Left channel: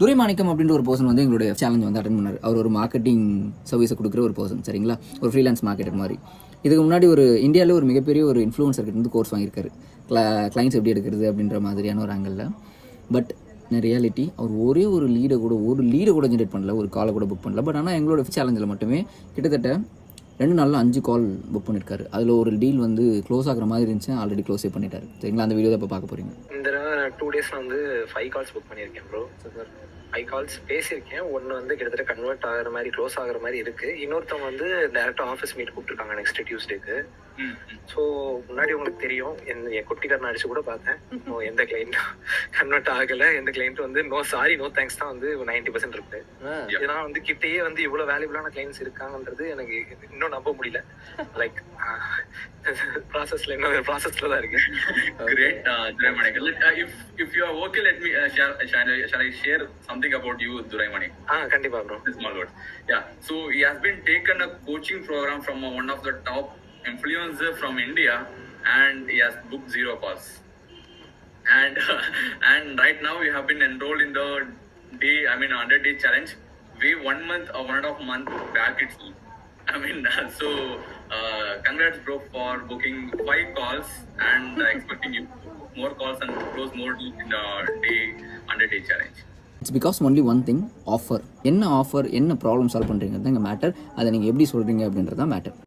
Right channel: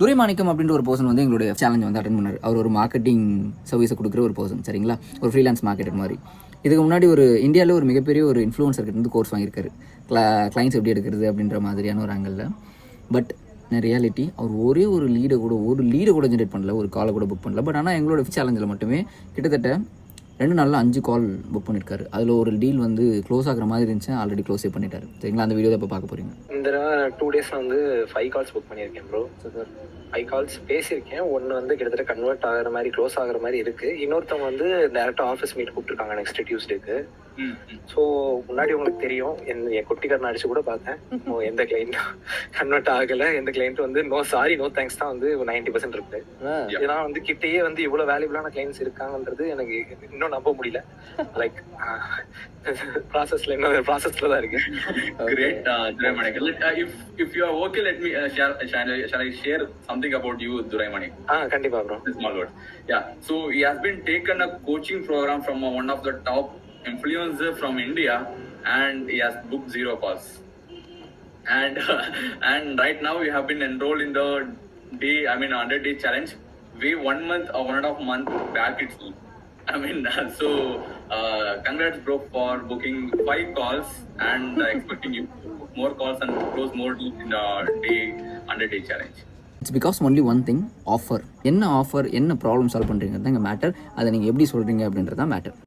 துரைமாணிக்கம் அப்படின்ற ஒரு பர்சன் வந்து எங்களுடைய சேலஞ்ச் வந்து அட்டன் பண்ணார். அவர் ஒரு மார்க்கெட்டிங் சர்வீஸை கொடுக்குற ஒரு பர்சன், சரிங்களா, ஒரு ஃப்ரீலான்ஸ் மார்க்கெட்டிங் மாதிரி. இதுக்கு முன்னாடி ஒரு இந்தியாவில் ஒரு மிகப்பெரிய ஒரு இன்ஃப்ளூயன்சர் கிட்ட இருந்து கோர்ஸ் வாங்கியிருக்காரு, கிளைண்ட்ஸ் எப்படி எடுக்கிறது அப்படின்ற மாதிரியான ஒரு ஆங்கிளில். பட் ரியாலிட்டி அவர் ஒரே ஒரு லீடை கூட ஜென்ரேட் பண்ணல, ஒரு காலை கூட புக் பண்ணல. பட் ஆனால் எங்களோட சேலஞ்சில் மட்டுமே கிட்டத்தட்ட 2 நாளில் 5 கால் புக் பண்ணியிருக்காரு. அதில் ஒரு டீல் வந்து க்ளோஸ் ஆகிற மாதிரி இருந்துச்சு, ஆல்ரெடி க்ளோஸே பண்ணிட்டாரு. சரிங்களா, அந்த வீடியோ தான் இப்போ பார்க்க போகிறீங்க. இந்த 2 டேஸில் வந்து 5 கால்ஸ் புக் பண்ணியிருக்கேன் ப்ரோ. 5 கால்ஸ் பேசியிருக்கேன். ஒன்று வந்து கிட்டத்தட்ட கன்வெர்ட் ஆகிற மாதிரி, க்ளோஸ் ஆகிற மாதிரி இருக்குது. இன்னொருத்தவங்க வந்து டேரெக்டாக ஆஃபீஸ் மீட் கூப்பிட்டுருக்காங்க நெக்ஸ்ட் டியூஸ்டேக்கு. ஸோ முன்னாடி உங்களுக்கு தெரியும், என் குட்டிக்காரன் அடிச்சு கூட பார்த்தேன். எந்த கிளைண்ட் கன்வெர்ட் ஆகலை, எந்த கிளைண்ட் வந்து நோ சாரி நோ தேங்க்ஸ் தான் வந்து 90% இருக்கு. இதனால் வந்து கிட்டேயே வந்து இவ்வளோ வேல்யூபிளான கிளைண்ட்ஸ் இருக்காங்கன்றது எனக்கு இன்னும் நம்ப முடியல. லைக் ப்ராசஸ்ல தான் இருக்கு. Great, Duraimanik. If you are okay, let me shall I share something about you, Duraimanik? கண்டிப்பா bro. Small word. Yeah. So he has been taken a coaching program from one of the top influencer from India, and he has booked 0 calls. And right now we have been enrolled in the 100-day challenge. We 1 month or 1.5 month back itself. So congrats bro for booking 5 calls and expecting you more calls and close more deals in the 100-day challenge. It's because only one thing, offer. என்ன problem solve பண்ணுறீங்க தான் எங்கள் matter. அதை நீங்கள் எப்படி சொல்கிறீங்க அப்படின்றது தான் மேட்டர்.